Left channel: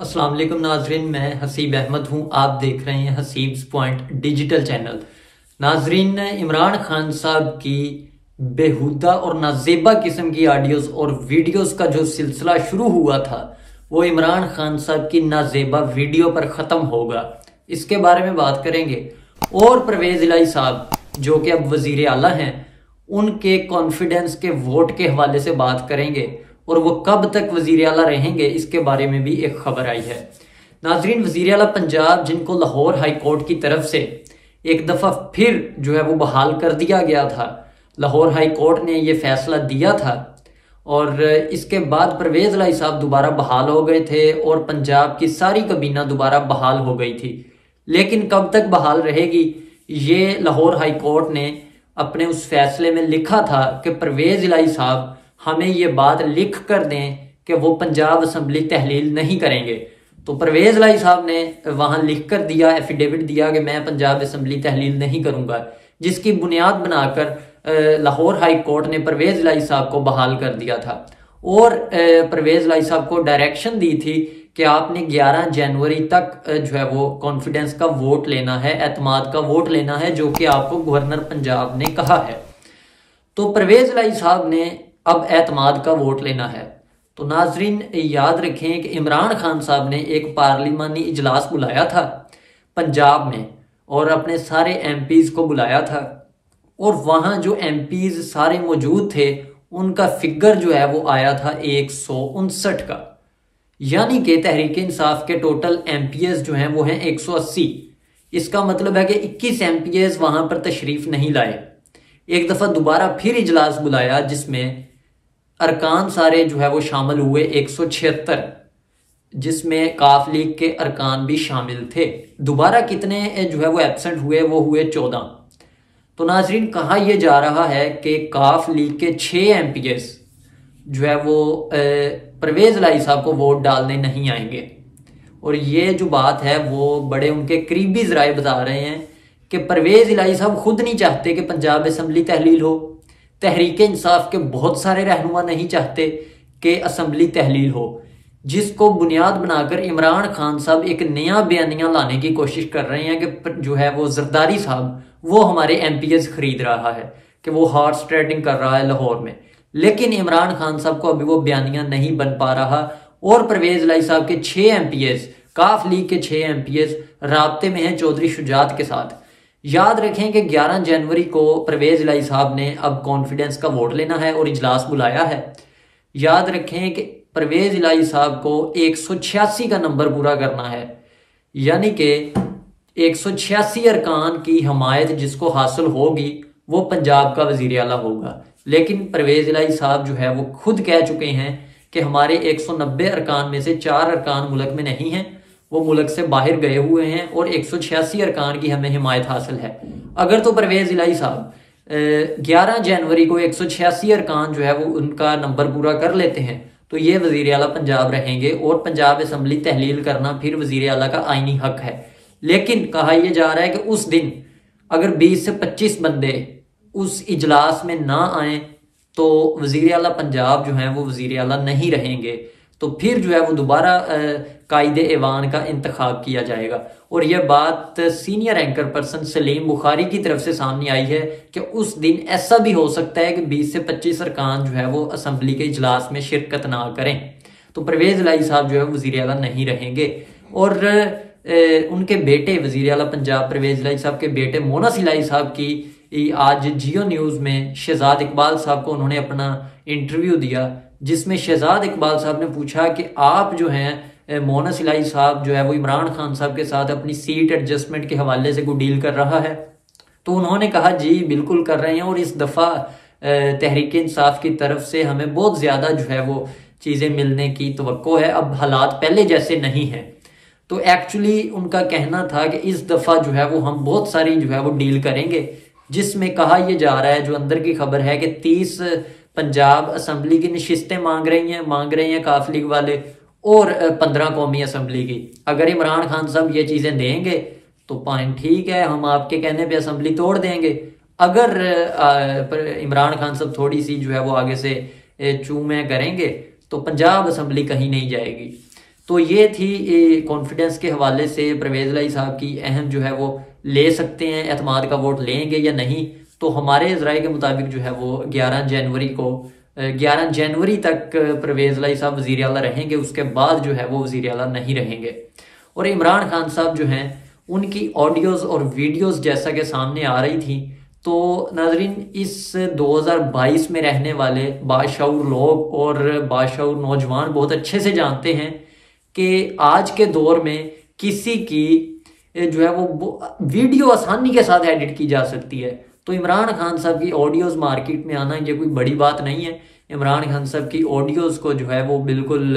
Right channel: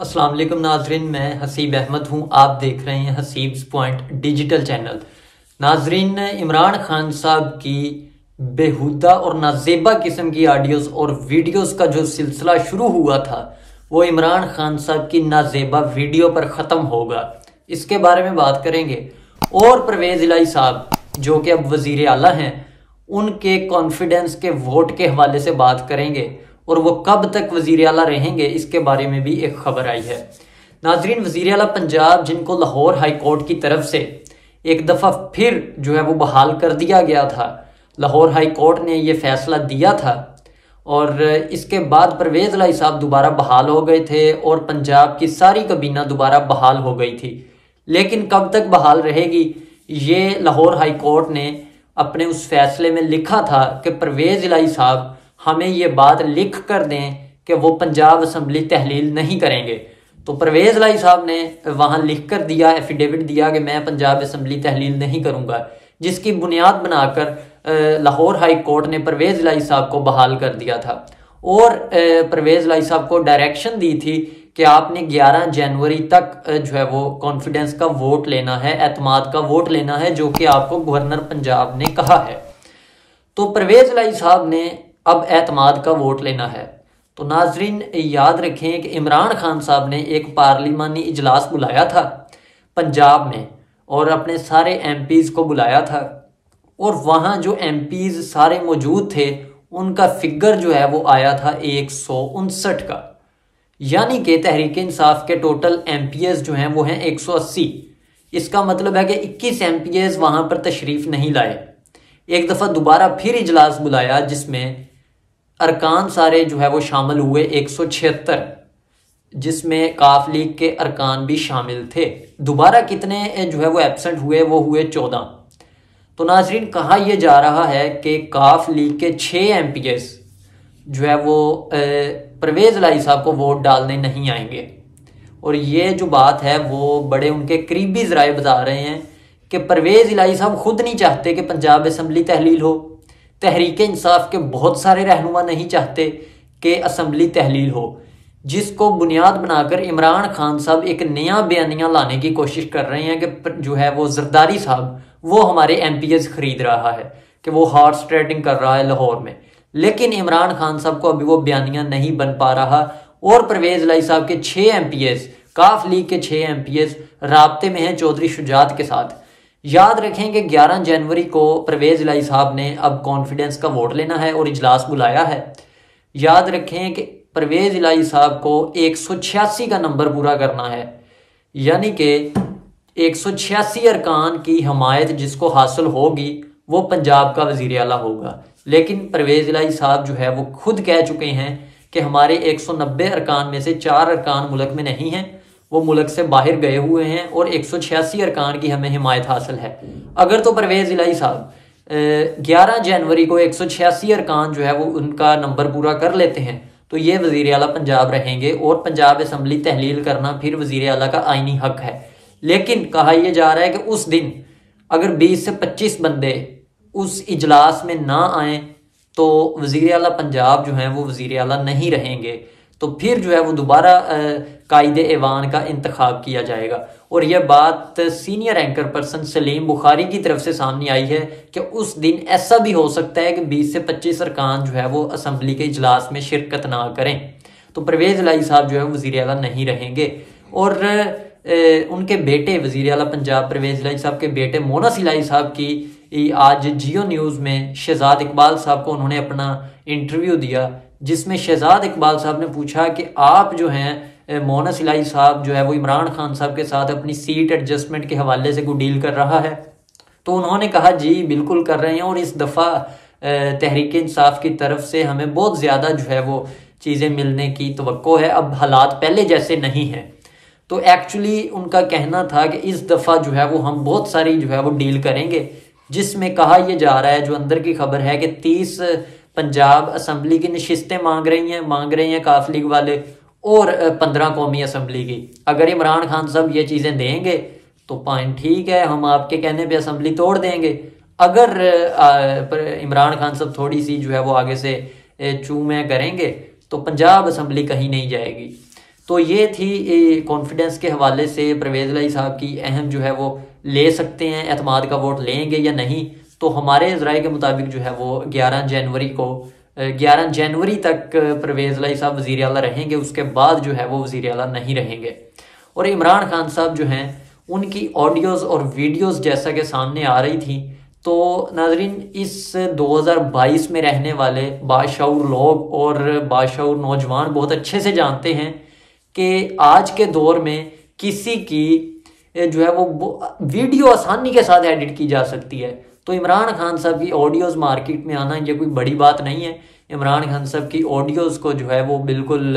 अस्सलाम वालेकुम नाजरीन, मैं हसीब अहमद हूं। आप देख रहे हैं हसीब्स पॉइंट डिजिटल चैनल। नाजरीन, इमरान खान साहब की बेहुदा और नाजेबा किस्म की ऑडियोज और वीडियोस का जो सिलसिला शुरू हुआ था वो इमरान खान साहब की नाजेबा वीडियो पर खत्म होगा। इसके बारे में बात करेंगे। और परवेज इलाही साहब जो कि अब वजीर आला हैं, उनके कॉन्फिडेंस के वोट के हवाले से बात करेंगे और वो कब तक वजीर आला रहेंगे इसके बारे में भी एक खबर आई है। नाजरीन, वजीर आला पंजाब जिनको लाहौर हाई कोर्ट की तरफ से एक दफा फिर जो है वो बहाल कर दिया गया था, लाहौर हाई कोर्ट ने ये फैसला दिया था और इसके बाद परवेज इलाही साहब दोबारा बहाल हो गए थे और पंजाब की सारी काबीना दोबारा बहाल हो गई थी। लेकिन कब तक बहाल रहेगी, ये लाहौर हाई कोर्ट ने अपने उस फैसले में लिखा था कि परवेज इलाही साहब हमें ये बात लिख कर दें कि वो पंजाब असम्बली तहलील नहीं करेंगे। तो परवेज इलाही साहब ने वहां लिख कर दिया, एफिडेविट दिया कि मैं पंजाब असम्बली तहलील नहीं करूंगा, जिसकी बुनियाद बनाकर लाहौर हाई कोर्ट ने परवेज इलाही साहब को बहाल कर दिया था और परवेज इलाही साहब को डायरेक्शन दी थी कि आपने 11 जनवरी तक जो है वो कॉन्फिडेंस का वोट लेना है, एतमाद का वोट लेना है, जो कि आपको गवर्नर पंजाब ने कहा है। तो परवेज इलाही साहब ने अब एतमाद का वोट लेना है। तो नाजरीन, याद रखें कि इमरान खान साहब ने एक पार्लिमानी इजलास बुलाया था पंजाब में और अपने सारे एमपीज को बुलाया था और वहां जो एमपीज सारे मौजूद थे उनका फिगर जो है वो आया था 159 का, यानी कि तहरीक इंसाफ के टोटल एमपीएस जो हैं वो हैं 180। इसका मतलब है कि 21 एमपीएस वहां पर तशरीफ नहीं लाए। एक दफा दोबारा फिर इजलास बुलाया जिसमें अरकान सारे जो है वो शामिल हुए 176, जिसमें काफ लीग के अरकान भी शामिल थे। दोबारा कितने जो है वो एब्सेंट हुए, वो हुए 14। तो नाजरीन, कहा यह जा रहा है कि काफ लीग के 6 एमपीएस जो है वो परवेज इलाही साहब को वोट डालने नहीं आएंगे। और ये जो बात है वो बड़े उनके करीबी जराए बता रहे हैं कि परवेज इलाही साहब खुद नहीं चाहते कि पंजाब असम्बली तहलील हो, तहरीक इंसाफ के बहुत सारे रहनुमा नहीं चाहते कि असम्बली तहलील हो, जिसको बुनियाद बनाकर इमरान खान साहब एक नया बयानिया लाने की कोशिश कर रहे हैं कि जो है वो जरदारी साहब वो हमारे एमपीएस खरीद रहा है, कि वो हॉर्स ट्रेडिंग कर रहा है लाहौर में। लेकिन इमरान खान साहब को अभी वो बयानिया नहीं बन पा रहा और परवेज इलाही साहब के 6 एमपीएस, काफ लीग के 6 एमपीएस राब्ते में हैं चौधरी शुजात के साथ। याद रखें कि 11 जनवरी को परवेज इलाही साहब ने अब कॉन्फिडेंस का वोट लेना है और इजलास बुलाया है। याद रखें कि परवेज इलाही साहब को 186 का नंबर पूरा करना है, यानी कि 186 अरकान की हमायत जिसको हासिल होगी वो पंजाब का वजीर आला होगा। लेकिन परवेज इलाही साहब जो है वो खुद कह चुके हैं कि हमारे 190 अरकान में से 4 अरकान मुल्क में नहीं है, वो मुल्क से बाहर गए हुए हैं और 186 अरकान की हमें हिमायत हासिल है। अगर तो परवेज इलाही साहब 11 जनवरी को 186 अरकान जो है वो उनका नंबर पूरा कर लेते हैं तो ये वजीर आला पंजाब रहेंगे और पंजाब असम्बली तहलील करना फिर वजीर आला का आईनी हक है। लेकिन कहा यह जा रहा है कि उस दिन अगर 20 से 25 बंदे उस इजलास में ना आए तो वजीर आला पंजाब जो है वो वजीर आला नहीं रहेंगे। तो फिर जो है वो दोबारा कायदे ऐवान का इंतखाब किया जाएगा। और यह बात senior anchor person Salim Bukhari की तरफ से सामने आई है कि उस दिन ऐसा भी हो सकता है कि 20 से 25 अरकान जो है वो असम्बली के इजलास में शिरकत ना करें। तो परवेज इलाही साहब जो है वजीर आला नहीं रहेंगे और उनके बेटे वजीर आला पंजाब परवेज इलाही साहब के बेटे मोनस इलाही साहब की आज जियो न्यूज में शहजाद इकबाल साहब को उन्होंने अपना इंटरव्यू दिया, जिसमें शहजाद इकबाल साहब ने पूछा कि आप जो हैं मोनस इलाही साहब जो है वो इमरान खान साहब के साथ अपनी सीट एडजस्टमेंट के हवाले से कोई डील कर रहा है। तो उन्होंने कहा जी बिल्कुल कर रहे हैं और इस दफा तहरीक इंसाफ की तरफ से हमें बहुत ज्यादा जो है वो चीजें मिलने की तवक्को है, अब हालात पहले जैसे नहीं है। तो एक्चुअली उनका कहना था कि इस दफा जो है वो हम बहुत सारी जो है वो डील करेंगे, जिसमें कहा यह जा रहा है, जो अंदर की खबर है कि 30 पंजाब असम्बली की नशिस्तें मांग रही हैं काफ लीग वाले और 15 कौमी असम्बली की। अगर इमरान खान साहब ये चीजें देंगे तो पॉइंट ठीक है, हम आपके कहने पे असम्बली तोड़ देंगे। अगर इमरान खान साहब थोड़ी सी जो है वो आगे से चूमे करेंगे तो पंजाब असम्बली कहीं नहीं जाएगी। तो ये थी कॉन्फिडेंस के हवाले से परवेज इलाही साहब की अहम जो है वो ले सकते हैं, एतमाद का वोट लेंगे या नहीं। तो हमारे ज़राए के मुताबिक जो है वो 11 जनवरी तक परवेज इलाही साहब वज़ीर आला रहेंगे, उसके बाद जो है वो वज़ीर आला नहीं रहेंगे। और इमरान खान साहब जो हैं उनकी ऑडियोज और वीडियोस जैसा कि सामने आ रही थी, तो नाज़रीन इस 2022 में रहने वाले बाशऊर लोग और बाशऊर नौजवान बहुत अच्छे से जानते हैं कि आज के दौर में किसी की जो है वो वीडियो आसानी के साथ एडिट की जा सकती है। तो इमरान खान साहब की ऑडियोज मार्केट में आना ये कोई बड़ी बात नहीं है। इमरान खान साहब की ऑडियोज को जो है वो बिल्कुल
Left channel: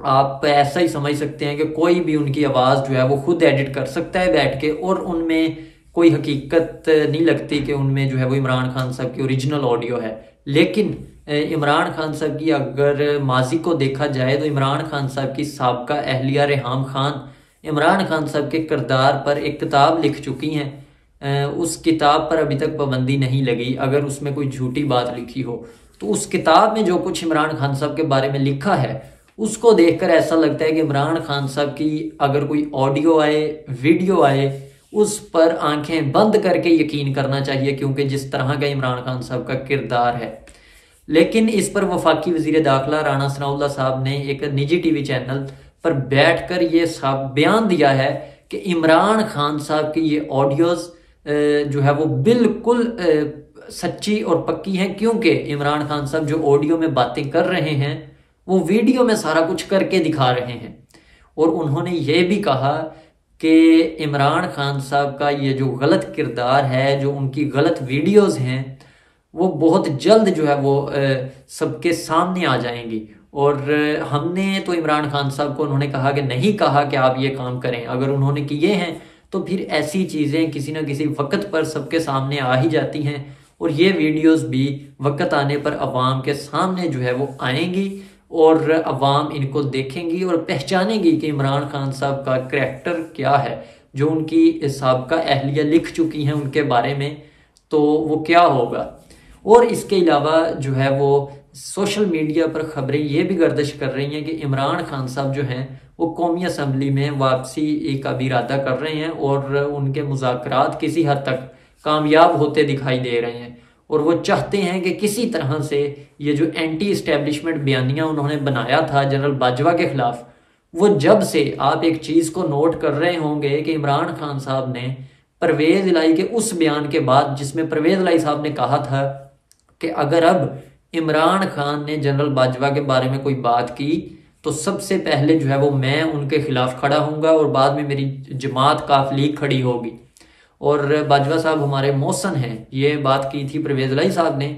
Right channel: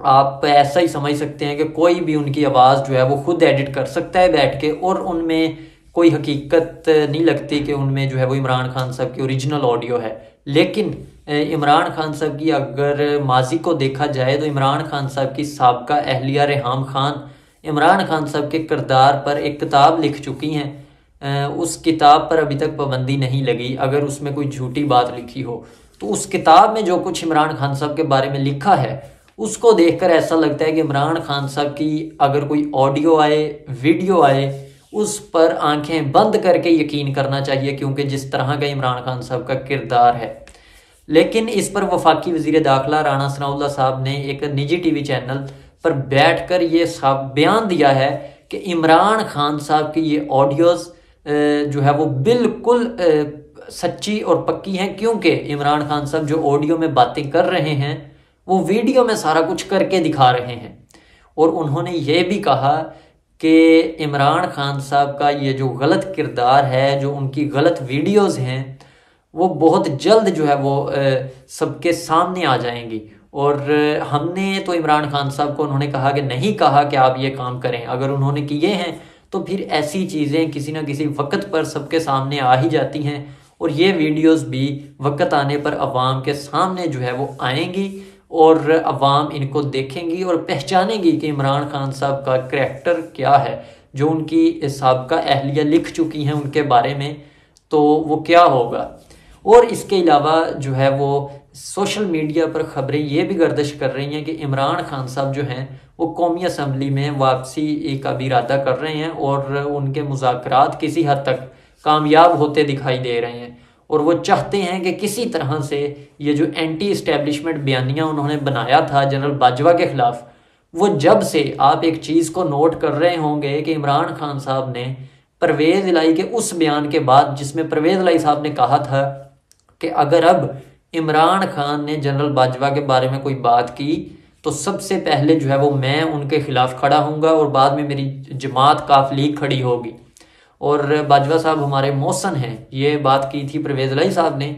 आप ऐसा ही समझ सकते हैं कि कोई भी उनकी आवाज़ जो है वो खुद एडिट कर सकता है बैठ के, और उनमें कोई हकीकत नहीं लगती कि उनमें जो है वो इमरान खान साहब की ओरिजिनल ऑडियो है। लेकिन इमरान खान साहब की अगर माजी को देखा जाए तो इमरान खान साहब की साबका अहलिया रेहाम खान इमरान खान साहब के किरदार पर एक किताब लिख चुकी हैं। उस किताब पर अभी तक पाबंदी नहीं लगी। अगर उसमें कोई झूठी बात लिखी हो तो उस किताब में जो कुछ इमरान खान साहब के बारे में लिखा है उसको देखकर ऐसा लगता है कि इमरान खान साहब की अगर कोई ऑडियो आए, वीडियो आए, उस पर आंखें बंद करके यकीन करना चाहिए, क्योंकि जिस तरह का इमरान खान साहब का किरदार है। लेकिन इस पर वफाकी वजीर दाखिला राणा सनाउल्लाह साहब ने एक निजी टीवी चैनल पर बैठकर ये बयान दिया है कि इमरान खान साहब की ये ऑडियोज जो है वो बिल्कुल सच्ची और पक्की हैं, क्योंकि इमरान खान साहब जो ऑडियो में बातें कर रहे हैं वो वीडियो में सारा कुछ करके दिखा रहे हैं। और उन्होंने ये भी कहा कि इमरान खान साहब का ये जो गलत किरदार है, जो उनकी गलत वीडियोस हैं, वो बहुत जल्द जो है वो सबके सामने आ जाएंगी। और हमने तो इमरान खान साहब को उन्होंने कहा कि नहीं कहा कि आप ये काम करें, अगर उन्होंने किए हैं तो फिर ऐसी चीज़ें किसी ना किसी वक्त पर सबके सामने आ ही जाती हैं, और ये वीडियोस भी वक्त आने पर अवाम के सामने जो है वो आएंगी और अवाम इनको देखेंगी और पहचानेगी कि इमरान खान साहब का करैक्टर क्या है। जो उनकी साबका अहलिया लिख चुकी हैं उनके बारे में, तो वो क्या होगा। और इसके अलावा जो है वो सोशल मीडिया पर खबरें ये भी गर्दिश कर रही हैं कि इमरान खान साहब जो हैं वो कौमी असम्बली में वापसी का भी इरादा कर रहे हैं, और उनके मुज़ाकरात किसी हद तक कामयाब होते दिखाई दे रहे हैं। और वो चाहते हैं कि किसी तरह से ये जो एंटी इस्टेब्लिशमेंट बयानिया उन्होंने बनाया था जनरल बाजवा के खिलाफ, वो जब से आप एक चीज को नोट कर रहे होंगे कि इमरान खान साहब ने परवेज इलाही के उस बयान के बाद जिसमें परवेज इलाही साहब ने कहा था कि अगर अब इमरान खान ने जनरल बाजवा के बारे में कोई बात की तो सबसे पहले जो है वो मैं उनके खिलाफ खड़ा हूंगा और बाद में मेरी जमात काफली खड़ी होगी। और बाजवा साहब हमारे मौसन हैं, ये बात की थी परवेज इलाही साहब ने।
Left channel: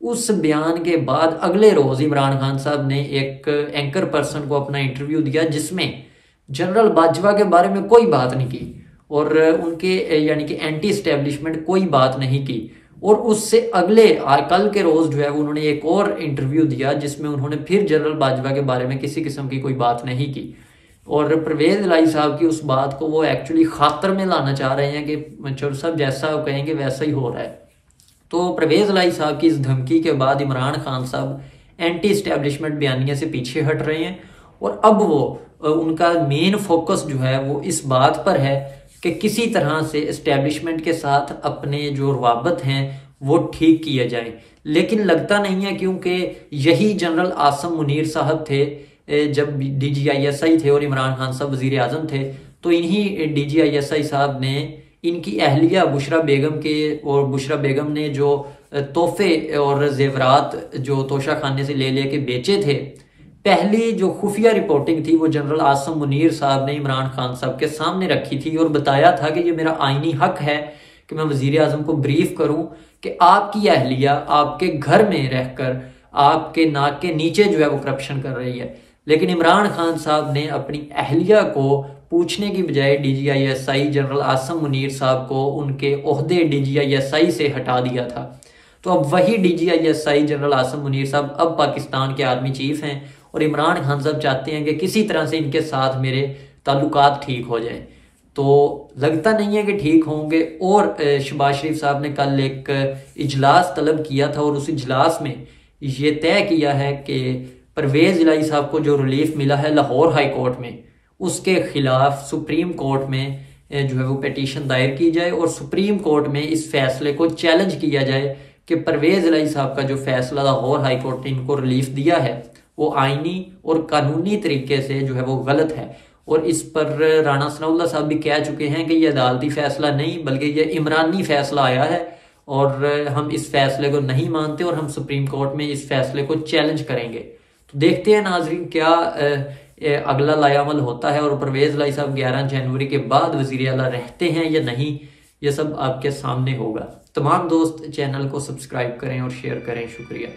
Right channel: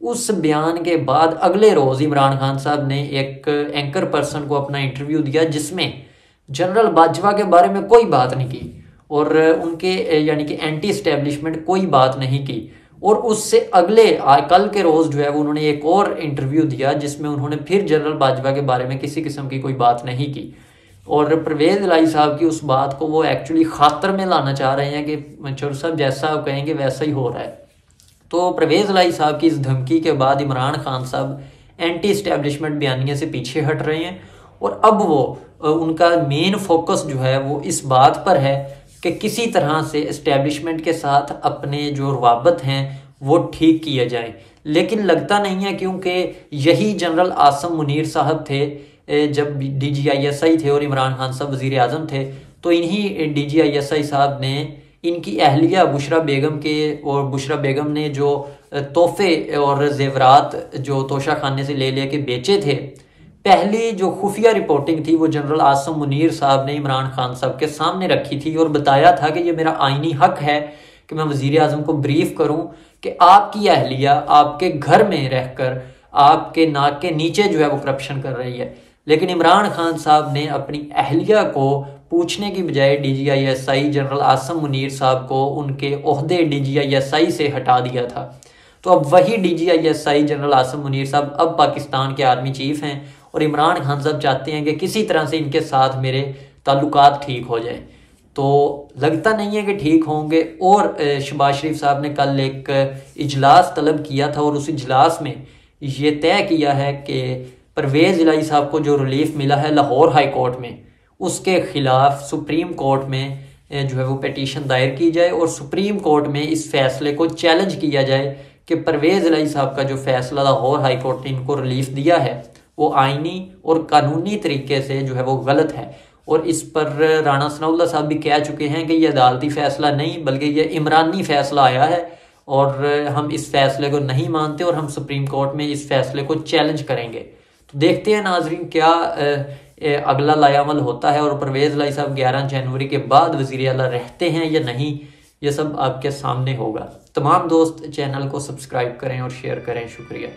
उस बयान के बाद अगले रोज इमरान खान साहब ने एक एंकर पर्सन को अपना इंटरव्यू दिया जिसमें जनरल बाजवा के बारे में कोई बात नहीं की और उनके यानी कि एंटी एस्टेब्लिशमेंट कोई बात नहीं की। और उससे अगले कल के रोज जो है वो उन्होंने एक और इंटरव्यू दिया जिसमें उन्होंने फिर जनरल बाजवा के बारे में किसी किस्म की कोई बात नहीं की। और परवेज इलाही साहब की उस बात को वो एक्चुअली खातर में लाना चाह रहे हैं कि मंशूर साहब जैसा आप कहेंगे वैसा ही हो रहा है। तो परवेज इलाही साहब की इस धमकी के बाद इमरान खान साहब एंटी एस्टेब्लिशमेंट बयानिया से पीछे हट रहे हैं और अब वो उनका मेन फोकस जो है वो इस बात पर है कि किसी तरह से एस्टेब्लिशमेंट के साथ अपने जो रवाबत हैं वो ठीक किए जाएं। लेकिन लगता नहीं है, क्योंकि यही जनरल आसम मुनीर साहब थे जब DGISI थे और इमरान खान साहब वजीर आजम थे, तो इन्हीं DGISI साहब ने इनकी अहलिया बुशरा बेगम के और बुशरा बेगम ने जो तोहफे और जेवरात जो तोशा खाने से ले लेके बेचे थे, पहली जो खुफिया रिपोर्टिंग थी वो जनरल आसम मुनीर साहब ने इमरान खान साहब के सामने रखी थी और बताया था कि ये मेरा आईनी हक है कि मैं वजीर आजम को ब्रीफ करूं कि आपकी अहलिया आपके घर में रहकर आपके नाक के नीचे जो है वो करप्शन कर रही है। लेकिन इमरान खान साहब ने अपनी अहलिया को पूछने की बजाय DGISI जनरल आसम मुनीर साहब को उनके ओहदे DGISI से हटा दिया था। तो अब वही DGISI जनरल आसम मुनीर साहब अब पाकिस्तान के आर्मी चीफ हैं और इमरान खान साहब चाहते हैं कि किसी तरह से इनके साथ मेरे ताल्लुकात ठीक हो जाएं। तो लगता नहीं है कि ठीक होंगे। और शहबाज शरीफ साहब ने कल एक इजलास तलब किया था और उस इजलास में ये तय किया है कि परवेज इलाही साहब को जो रिलीफ मिला है लाहौर हाई कोर्ट में, उसके खिलाफ सुप्रीम कोर्ट में जो है वो पिटीशन दायर की जाए और सुप्रीम कोर्ट में इस फैसले को चैलेंज किया जाए कि परवेज इलाही साहब का जो फैसला लाहौर हाई कोर्ट ने इनको रिलीफ दिया है वो आईनी और कानूनी तरीके से जो है वो गलत है। और इस पर राणा सनाउल्लाह साहब भी कह चुके हैं कि ये अदालती फैसला नहीं बल्कि ये इमरानी फैसला आया है और हम इस फैसले को नहीं मानते और हम सुप्रीम कोर्ट में इस फैसले को चैलेंज करेंगे। तो देखते हैं नाजरीन क्या अगला लायामल होता है और परवेज इलाही साहब 11 जनवरी के बाद वजीर आला रहते हैं या नहीं, ये सब आपके सामने होगा। तमाम दोस्त चैनल को सब्सक्राइब करें और शेयर करें। शुक्रिया।